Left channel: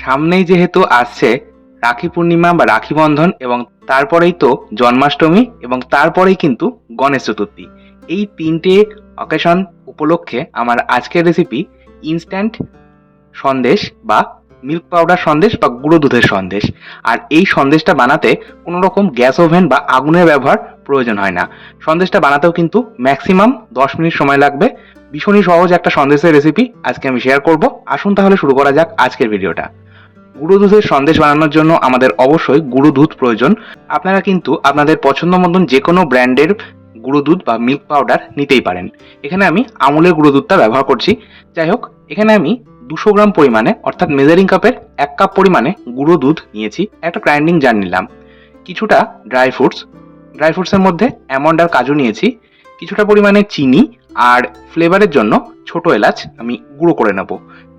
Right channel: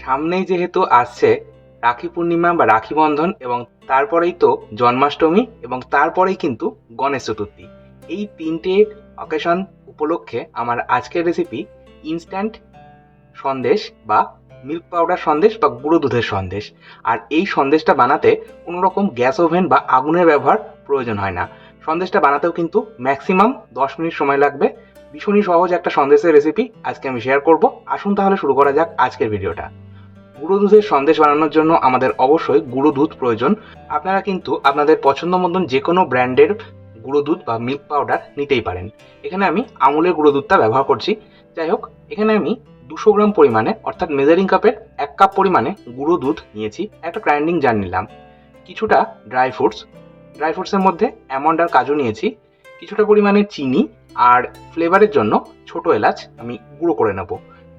সামনেই যেহেতু আসছে রাখি পূর্ণিমা বা রাখি বন্ধন, এবং তারপরেই তো জন্মাষ্টমী, এবং তারপরেই কিন্তু গণেশ চতুর্থী। এই তিনটে অকেশন উপলক্ষে আমার আজকের রেসিপি ইনস্ট্যান্ট সন্দেশ বা মিল্ক পাউডার সন্দেশ বা গুঁড়ো দুধের সন্দেশ। আর এই সন্দেশটা বানাতে কোনো রকম গ্যাস ওভেন বা আগুনের ব্যবহার প্রয়োজন হয় না। সন্দেশটা বানাতেও কিন্তু ম্যাক্সিমাম 10 মিনিট সময় লাগবে। ভীষণই সহজ একটা সন্দেশের রেসিপি আজকে আমি শেয়ার করব। আসুন তাহলে শুরু করা যাক আজকের ভিডিওটা। গুঁড়ো দুধের সন্দেশ বানানোর জন্য আমাদের অবশ্যই গুঁড়ো দুধ প্রয়োজন। আপনারা কিন্তু আপনাদের পছন্দ মতন যে কোনো ব্র্যান্ডের গুঁড়ো দুধ বা মিল্ক পাউডার নিতেই পারেন। এখানে আমি আমুলের গুঁড়ো দুধটা ব্যবহার করছি। যাই হোক, এখানে আমি 200 গ্রাম পরিমাণে, অর্থাৎ মেজারিং কাপের 1 কাপ পরিমাণে গুঁড়ো দুধ নিয়েছি। একটা গ্রাইন্ডিং জার নিলাম। কিছুটা ড্রাই ফ্রুটসের মধ্যে অ্যামন্ড আর কাজু নিয়েছি। কিছুটা পরিমাণে চিনি, আর ফ্লেভারের জন্য ছোট এলাচ আমি গুঁড়ো করে নেব।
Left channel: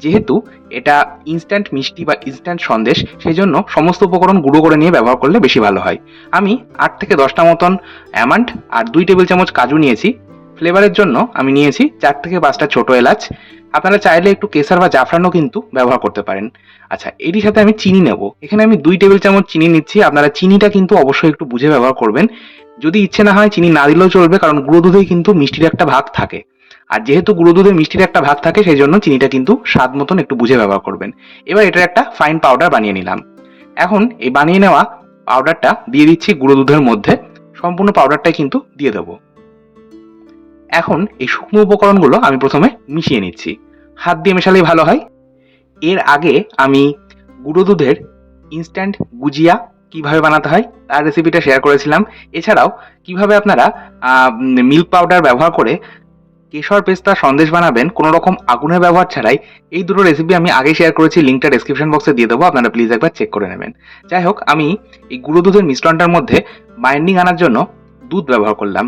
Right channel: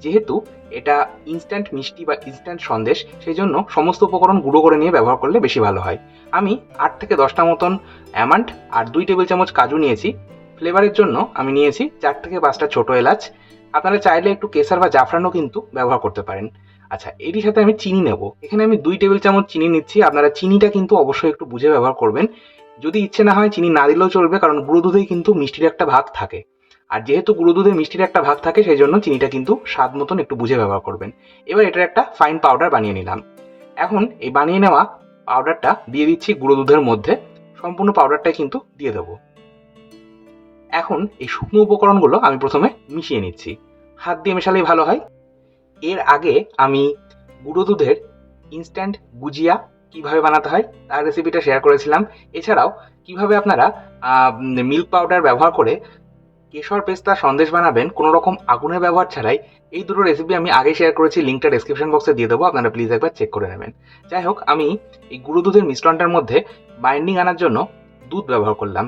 যেহেতু এটা ইনস্ট্যান্ট মিষ্টি বা ইনস্ট্যান্ট সন্দেশ, সেই জন্য সমস্ত উপকরণ গুঁড়ো করে নিয়ে ব্যবহার করলে বেশি ভালো হয়। আমি 8 থেকে 10টা মতন অ্যামান্ড আর 2 টেবিল চামচ কাজু নিয়েছি। ফ্লেভারের জন্য আমি নিয়েছি 4 থেকে 5টা ছোট এলাচ। আপনারা চাইলে একটু কেসার বা জাফরানও কিন্তু ব্যবহার করতে পারেন। আচ্ছা, এরই সাথে আমি চিনি নেব। এখানে আমি 2 টেবিল চামচ চিনি নিচ্ছি। আপনারা চিনিটা কিন্তু অবশ্যই একটু বুঝে ব্যবহার করবেন। যদি ইচ্ছে না হয় চিনি না দিলেও চলবে, কারণ গুঁড়ো দুধেই কিন্তু মিষ্টির একটা ভাগ থাকে। আর যেহেতু গুঁড়ো দুধে মিষ্টির একটা ভাগ থাকে, সেই জন্য চিনিটা কিন্তু স্বাদ মতন একটু বুঝে ব্যবহার করবেন। এবার এটার একটা ফাইন পাউডার বানিয়ে নিলাম। এখন এই বানিয়ে নেওয়া পাউডারটা দিয়ে দিচ্ছি গুঁড়ো দুধের মধ্যে। সম্পূর্ণ পাউডারটাই কিন্তু দিয়ে দেবো। এখন এই শুকনো উপকরণগুলো আমি প্রথমে মিশিয়ে নিচ্ছি। হাত দিয়ে মেশালেই ভালো হয়। এর আগে আমি গুঁড়ো দুধের ইনস্ট্যান্ট গুজিয়া কিভাবে বানাতে হয় তার রেসিপিটা শেয়ার করেছিলাম। এছাড়াও কিভাবে আপনারা মিল্ক পাউডার ব্যবহার করে কেশর পেস্তা সন্দেশ বানাবেন কোনো রকম আগুনের ব্যবহার ছাড়াই, এই দুটো রেসিপি আমি আগেই শেয়ার করেছি। লিঙ্কটা ডেসক্রিপশন বক্সে দিয়ে দেবো, আপনারা প্লিজ একবার চেক করে নেবেন। যাই হোক, আমি এই গুঁড়ো দুধের মিশ্রণটার মধ্যে বাইন্ডিং আনার জন্য দুধ ব্যবহার করলাম।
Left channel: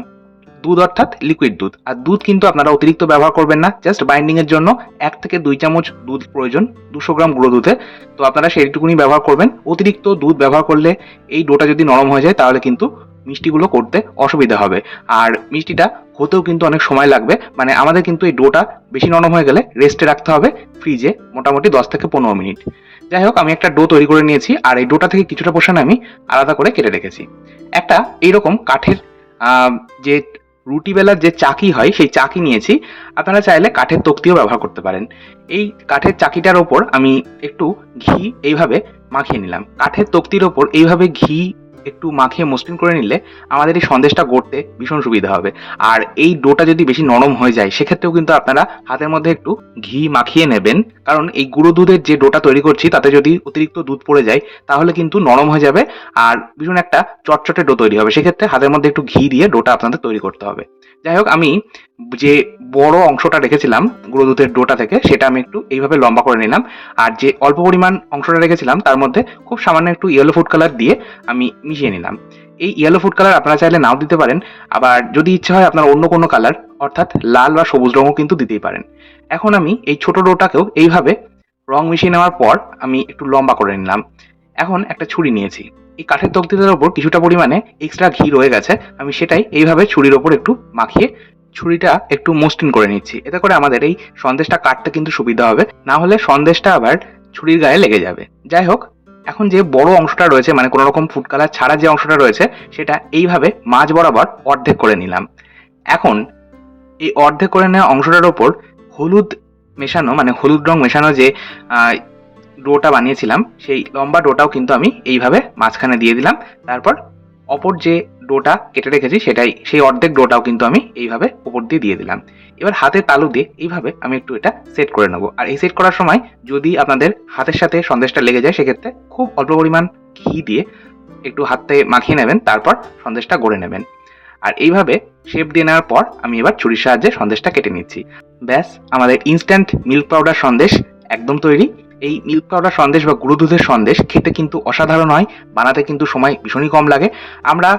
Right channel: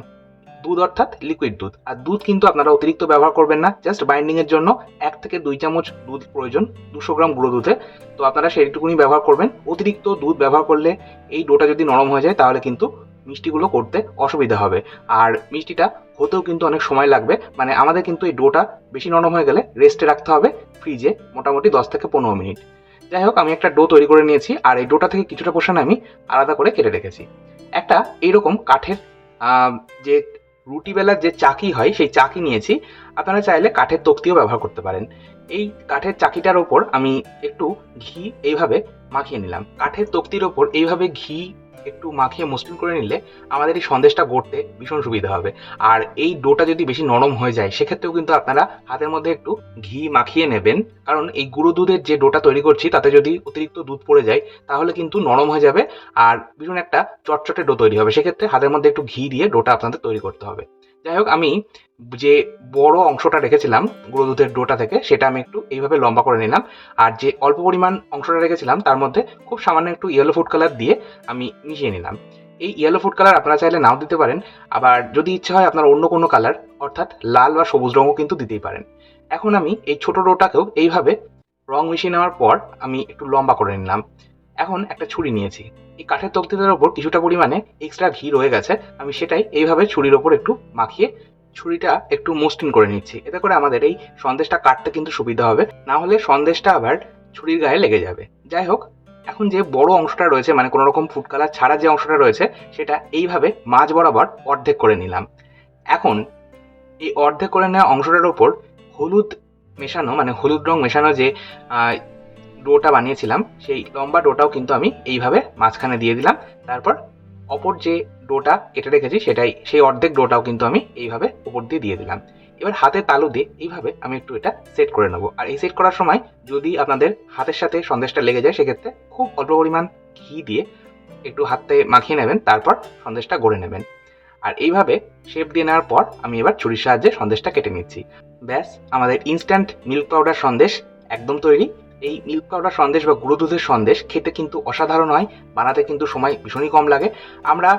দুধ অর্থাৎ লিকুইড দুধ। আর দুধ কিন্তু আপনারা অতিরিক্ত ব্যবহার করবেন না, জাস্ট বাইন্ডিং এর জন্য 1 থেকে 2 চামচ দুধ প্রয়োজন 200 গ্রাম গুঁড়ো দুধে। তো আপনারা সেইটুকুনি ব্যবহার করবেন। অতিরিক্ত দুধ ব্যবহার করলে এই ডোটা যদি নরম হয়ে যায়, তাহলে কিন্তু মিষ্টিগুলো করতে অসুবিধা হবে। আর মিষ্টিটা হতেও কিন্তু অনেক সময় লাগবে। মানে আমাদের কিন্তু এই ডোটা বেশি নরম হয়ে গেলে রেস্টে রাখতে হবে ফ্রিজে মোটামুটি 10 থেকে 15 মিনিট। যাই হোক, আমি একটা ডো তৈরি করে নিয়েছি, আর এই ডোটা থেকে কিছুটা পোর্শন আমি আলাদা করে কেটে রেখেছি। একটা এইরকম কাঠের যে রুটি বেলার যে চাকি হয়, সেই চাকি নিয়েছি। আপনারা চাইলে কাঠের তক্তিও ব্যবহার করতে পারেন। এই কাঠের চাকিটার ওপর আমি একটু ঘি এইভাবে মাখিয়ে নিলাম। কাঠের তক্তির ওপর এইভাবে ঘি একটু মাখিয়ে মসৃণ করে নিলে আমাদের এই সন্দেশটা গড়তে ভীষণ সুবিধা হবে। আর এই ডোটা যদি বেশি নরম হয়ে যায়, সেক্ষেত্রেও কিন্তু আপনারা হাতের মধ্যে একটু ঘি মাখিয়ে নেবেন, কারণ এই গুঁড়ো দুধের যে ডোটা তৈরি করছি তাতে যদি অতিরিক্ত দুধ পড়ে যায়, তাহলে কিন্তু নরম হয়ে যাবে আর ভীষণ একটা চটচটে ডো তৈরি হবে। সেক্ষেত্রে হাতের মধ্যে একটু ঘি দিয়ে ডোটা আপনাদের তৈরি করতে হবে। যাই হোক, আমি যে বড় অংশটা রেখেছিলাম গুঁড়ো দুধের ডোটা থেকে, সেটা আমি একটু এইভাবে লম্বা করে নিলাম। আর যে অল্প পরিমাণ অংশটা রেখেছিলাম, তার মধ্যে খুব সামান্য একটু ইয়েলো ফুড কালার দিয়ে আমি মিশিয়ে নিলাম। এই ইয়েলো ফুড কালার আপনারা চাইলে নাও দিতে পারেন। আবার যদি ইচ্ছে হয় আপনার অন্য কোনো কালার, অর্থাৎ লাল বা সবুজ রঙও কিন্তু দিতেই পারেন। এখন আমি এই ছোট ডোটাকেও এইভাবে রং মিশিয়ে নেওয়ার পর আমি একটু লম্বা করে নিলাম। এখন একটা ছুরি নিয়েছি। এই কাঠের তক্তিটার ওপর কিছুটা পরিমাণে এক্সট্রা ঘি রয়ে গেছে, আমি সেটাই এইভাবে ছুরির ওপর একটু মাখিয়ে ছুরিটা একটু মসৃণ করে নিচ্ছি। এতে করে আমাদের এই সন্দেশটা কাটতে কিন্তু সুবিধা হবে, না হলে সন্দেশটা আবার ছুরির গায়ে লেগে যাবে। যাই হোক, এখন যে বড় অংশটা রয়েছে, মানে কোনো রকম ফুড কালার ছাড়া যে অংশটা রয়েছে, সেটা এইভাবে মাঝ বরাবর অর্ধেক করে নিলাম। এখন এই অর্ধেক করে নেওয়া অংশটার ওপর হলুদ মেশানো, মানে হলুদ রং মেশানো যে ডোটা বানিয়েছিলাম, সেই লম্বা ডোটাও কিন্তু আমি এইভাবে মাঝখানে দিয়ে দিলাম। তারপর অপর যে ডোটা কেটে রেখেছি, সেই অর্ধেক ডোটাও কিন্তু আমি এইভাবে উপর দিয়ে দিয়ে দিলাম। এবার হাতের তালু দিয়ে এইভাবে আমি একটু এটা সেট করে নেবো। আর এই সেট করার সময় যদি আপনাদের হাতের সাথে সন্দেশটা লেগে যায়, সেক্ষেত্রে খুব অল্প পরিমাণ ঘি দিয়ে একটু হাতে মাখিয়ে নেবেন, তারপর সন্দেশটা গড়ে নেবেন। আর এইভাবে শেপ দিয়ে নেওয়ার পর আমি এবার ছুরির সাহায্যে সন্দেশটা কেটে নিচ্ছি। ব্যাস, আমাদের ইনস্ট্যান্ট মিল্ক পাউডার সন্দেশ একদম তৈরি। এই মিল্ক পাউডার সন্দেশ বা গুঁড়ো দুধের সন্দেশ খেতে কিন্তু অসাধারণ হয়, বানাতে কিন্তু সময় ভীষণই কম লাগে। আমরা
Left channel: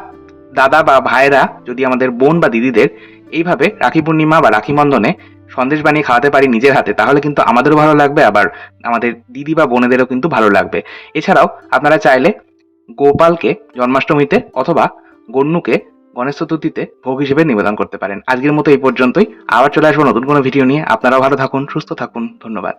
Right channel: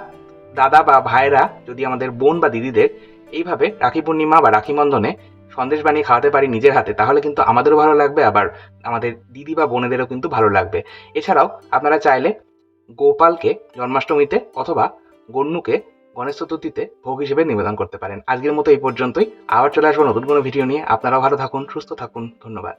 দাদা বা ভাইয়েরা যদি আমাদের বোন বা দিদিদের এইভাবে রাখি পূর্ণিমা বা রাখি বন্ধনে সন্দেশ বানিয়ে খাওয়াতে পারি নিজের হাতে, তাহলে কিন্তু আমাদেরও ভালো লাগবে, আবার আমাদের দিদি বা বোনেদেরও কিন্তু ভালো লাগবে। এছাড়াও আপনারা চাইলে গোপালকে জন্মাষ্টমীতে অথবা গন্নুকে গণেশ চতুর্থীতে ভোগ হিসেবে নিবেদন করতে পারেন। আজকের মতো এই পর্যন্তই। আবার চলে আসবো নতুন কোনো ভিডিও নিয়ে। আপনারাও ভালো থাকুন, সুস্থ থাকুন। ধন্যবাদ।